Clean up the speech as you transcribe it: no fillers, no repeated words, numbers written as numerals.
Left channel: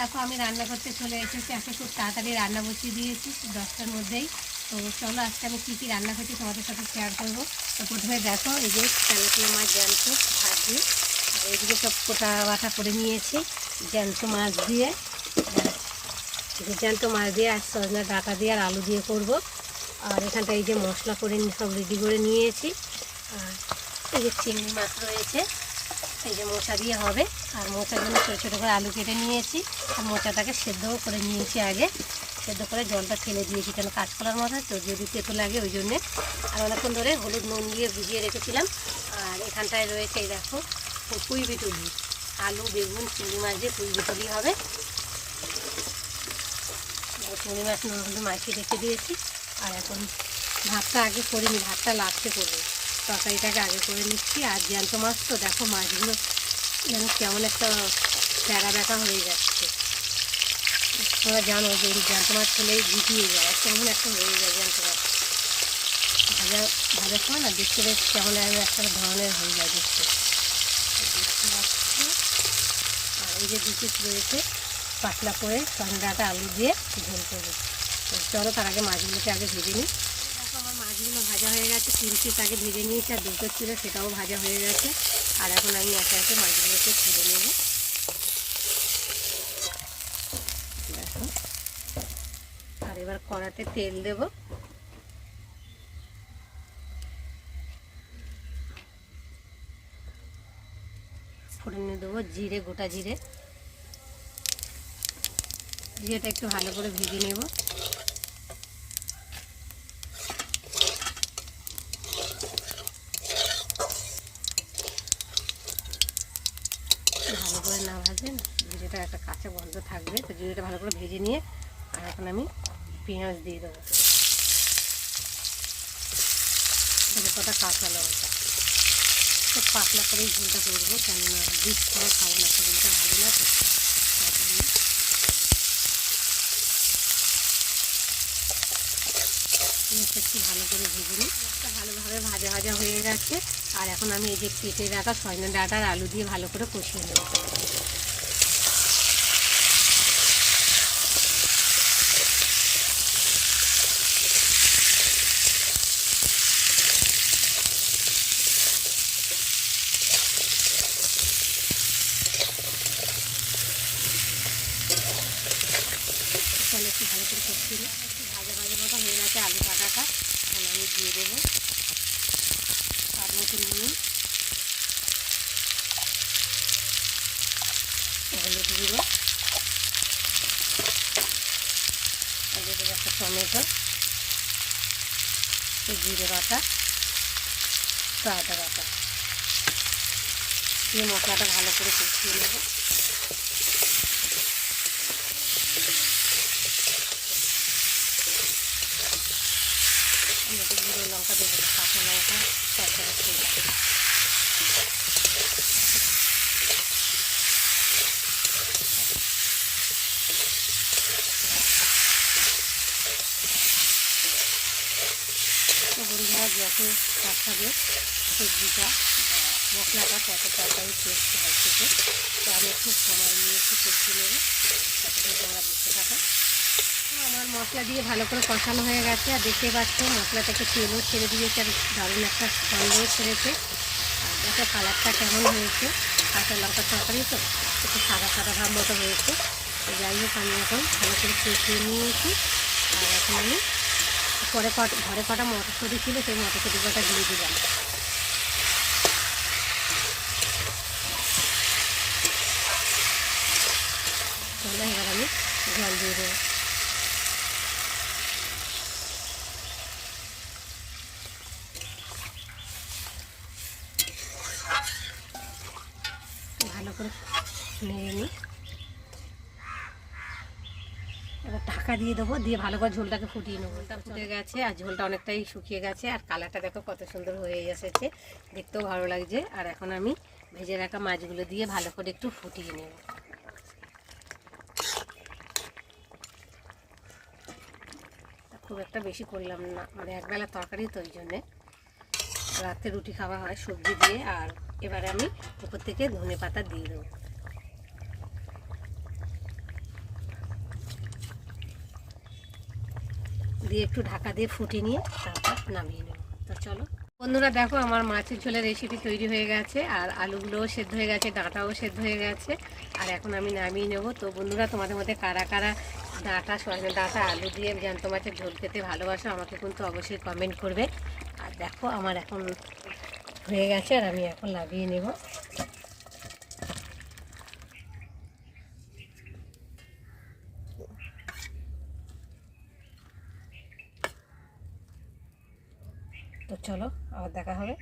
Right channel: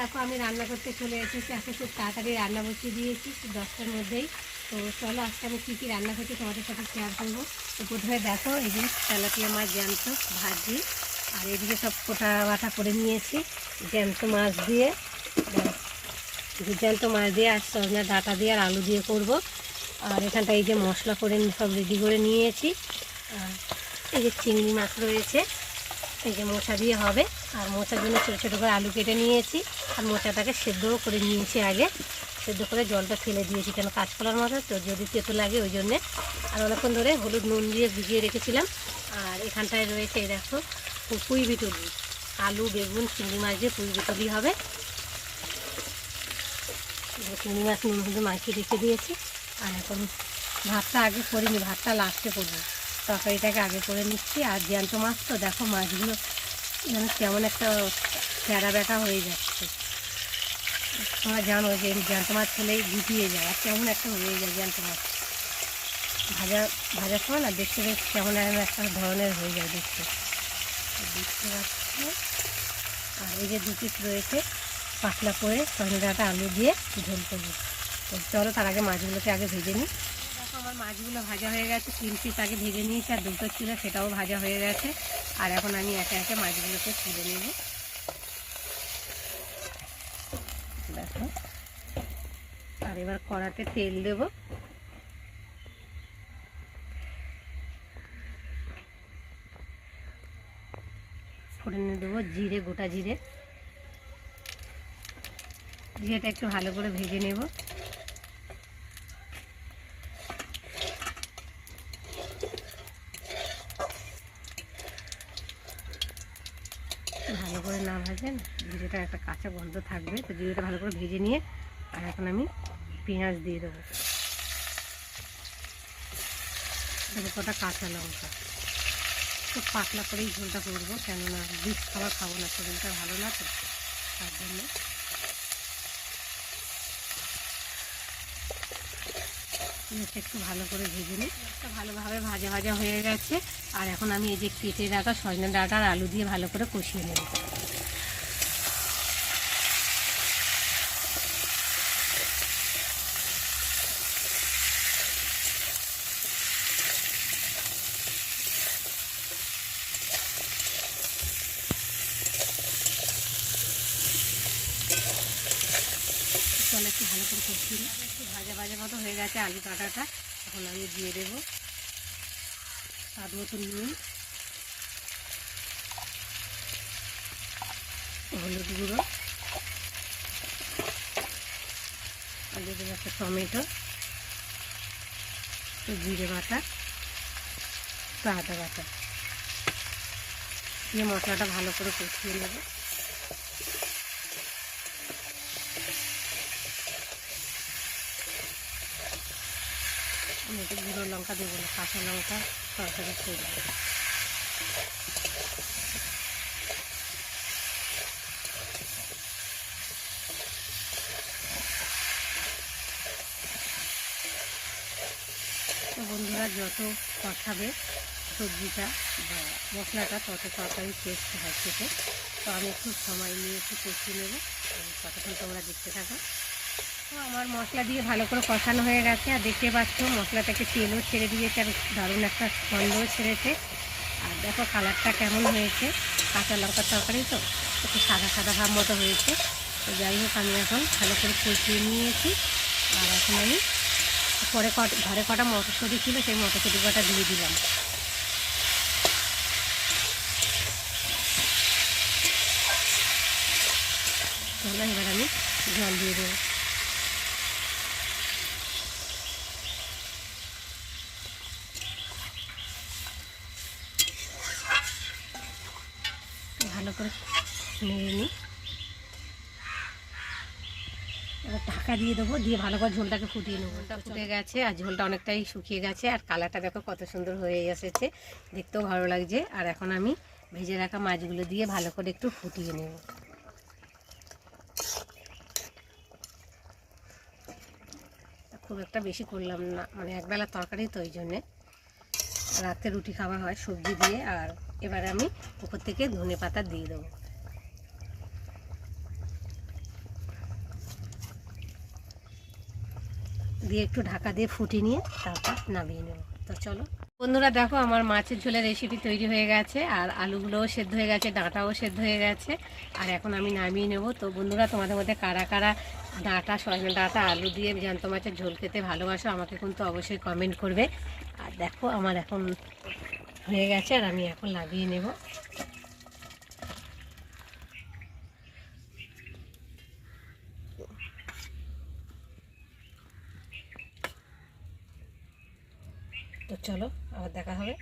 দেখো আমি রান্না করতে চলে এসেছি, আজকে খুব তাড়াতাড়ি রান্না বসিয়ে দিয়েছি 10টার মধ্যেই। তো চলো আজকে আমি কী কী রান্না করছি তোমাদের সাথে শেয়ার করবো। তো প্রথমে দেখো এই যে তেলাপিয়া মাছ জ্যান্ত ভাজি, আর এইদিকে সব কোটা বাটা করে নিয়েছি জ্যান্ত মাছ দিয়ে, জ্যান্ত মাছ দিয়ে আর সজনা ডাঁটা দিয়ে আর আলু দিয়ে করব। আর এখানটা এই যে মশলা করে সব রেডি করে নিয়েছি। আর এই যে চিংড়ি মাছ রয়েছে, এই যে মোচা দিয়ে হবে। আর মোচার জন্য ছোটো ছোটো করে আলু কেটে নিয়েছি, আর মোচাটাকে সেদ্ধও করে নিয়েছি, আগে সেদ্ধ করে জলটা ফেলে দিয়েছি, কেন কাঁচকলার মাথা তো যদি তেতো লাগে ওই জন্যে। আর অনেকক্ষণ ধরে হলুদ নুন দিয়ে ভিজিয়ে রেখেছিলাম। আর এখানটায় রয়েছে এই দেখো পুঁই বিটুলি, আলু বেগুন চিংড়ি মাছ দিয়ে পুঁই বিটুলি হবে। চিংড়ি মাছ নুন হলুদ মাখিয়ে রেখে দিয়েছি। আর এখন ভাতটা আগে করিনি, ভাতটা লাস্টে করবো, তরকারিটাকে আগে করে নিচ্ছি। আর জ্যান্ত মাছ তো দেখো মাছগুলো যেন কেমন একটা প্যারা ব্যাটা হয়ে যাচ্ছে। তোমরা জানো যে জ্যান্ত মাছ হলেই গুটিয়ে যায়, আর কেমন একটা হয়ে যায় জ্যান্ত মাছ ভাজার সময় না, দেখতে বেশ কেমন একটা ধরনের হয়ে যায় দেখতে পাচ্ছি। আর এই যে দু পিস রয়েছে পাতলা করে সজনা আলু দিয়ে ঝোল করবো। তো চলো তার আগে মাছগুলোকে আগে ভেজে নিই। দেখো আমার মাছগুলো ভাজা হয়ে গেছে, 3 পিস আগে ভেজে নিয়েছি, আর দুটো ছিল সেটাও ভাজা হয়ে গেছে। আর এখন আমি একে একে মাছগুলোকে তুলে নেব। দেখো, আর এবার কড়াতে তেল দেব। ফোড়নে দেবো জিরে, গোটা জিরে। জিরেটা একটু ভালো করে ভেজে নেব। ভালো করে না ভাজে জিরেটা একটা কাঁচা গন্ধ থাকবে, তো জিরেটা ভালো করে ভেজে নিয়ে আর এখন আমি পেঁয়াজ দিয়ে দেবো, কটা কাঁচা লঙ্কা। খুব পাতলা করেই ঝোলটা করবো, কেননা বিষ ছাড়া খাবো না, শরীরটা ভালো না তো, তার জন্য। একটু ভালো করে ভেজে নিই, একটা ভালোভাবে ভাজা ভাজা হয়ে গেছে। আর এখন আমি এই যে কেটে রাখা সজনে ডাঁটা আর আলু দিয়ে ভালো করে কষিয়ে নেব। তাহলে একটু ভালো করে কষিয়ে নিই, একটু ভাজা ভাজা মতো হয়ে গেছে আলু কাটাটা। এখন আমি দিয়ে দেবো স্বাদ মতো নুন, হলুদ গুঁড়ো, দিয়ে দেবো একটা টমেটো, জিরে বাটা, আদা বাটা দিয়ে মশলাটা ভালো করে কষিয়ে নেব। একটু জিরে লঙ্কা দেবো না, কাঁচা লঙ্কা তরকারি খেয়ে বন্ধুরা যত পাঠাবে সবজিটা বা মশলাটা তত তাড়াতাড়ি টেস্ট হয় খেতে। তো আমি একটু সময় নিয়ে একটু কষিয়ে নেবো, ততক্ষণ তোমরা দেখতে থাকো। আমার মশলা দিয়ে ভালো করে কষানো হয়ে গেছে, আর দেখতে পাচ্ছ মশলা থেকে তেলও ছেড়ে দিয়েছে, আর দারুণ একটা গন্ধও ছেড়েছে। আর দেখো কালারটা কেমন হয়েছে, কাঁচা লঙ্কার তরকারি তো একটু সাদা সাদা ভাব মতো হয়েছে। তো যাই হোক আমি এখন ভালো করে কষিয়ে নিয়েছি। আর এখন আমি ঘরে কটা মটরশুঁটি ছিল, সেই মটরশুঁটি কটা দিয়ে দিলাম। এবার আমি জল দিয়ে দেবো। ভালো করে নেড়ে নিই, এবার ঢাকা দিয়ে দেবো, দিয়ে ভালো করে ঝোলটাকে ফুটিয়ে নেবো। ঝোলটা ফুটে গেছে আর ঝোলটা অনেকটাই শুকিয়ে গেছে, আর কালারটা দেখো কত সুন্দর হয়ে এসেছে, দেখতেও ভালো লাগছে। আর এখন আমি ভেজে রাখা মাছগুলো দিয়ে ভালো করে একটু ফুটিয়ে নেব। খুব একটা বেশি করলাম না, মানে একবেলা তরকারি তো ওই জন্যে, রাতে রুটি খাওয়া হয় সবজি দিয়ে। আর এবার আমি উপর থেকে ধনে পাতা দিয়ে দেবো। দিয়ে একটু ঢাকা দিয়ে ফুটিয়ে নিয়ে তারপর নামিয়ে নেব। তো চলো বন্ধুরা, দেখো আমার মাছের ঝোলের রেসিপি তৈরি হয়ে গেছে, আর আলুগুলোও সেদ্ধ হয়ে গেছে, ডাঁটাও সেদ্ধ হয়ে গেছে, আর এখন আমি নামিয়ে নেব। তো বন্ধুরা, তোমাদের মধ্যে কারা কারা ডাঁটা আলু দিয়ে জ্যান্ত মাছের ঝোল খেতে ভালোবাসো আমাকে কিন্তু অবশ্যই কমেন্ট করবে। আর দেখো আমার এখন হয়ে গেছে, আর আমি এখন নামিয়ে নেব। তো চলো আবার দেখা হবে।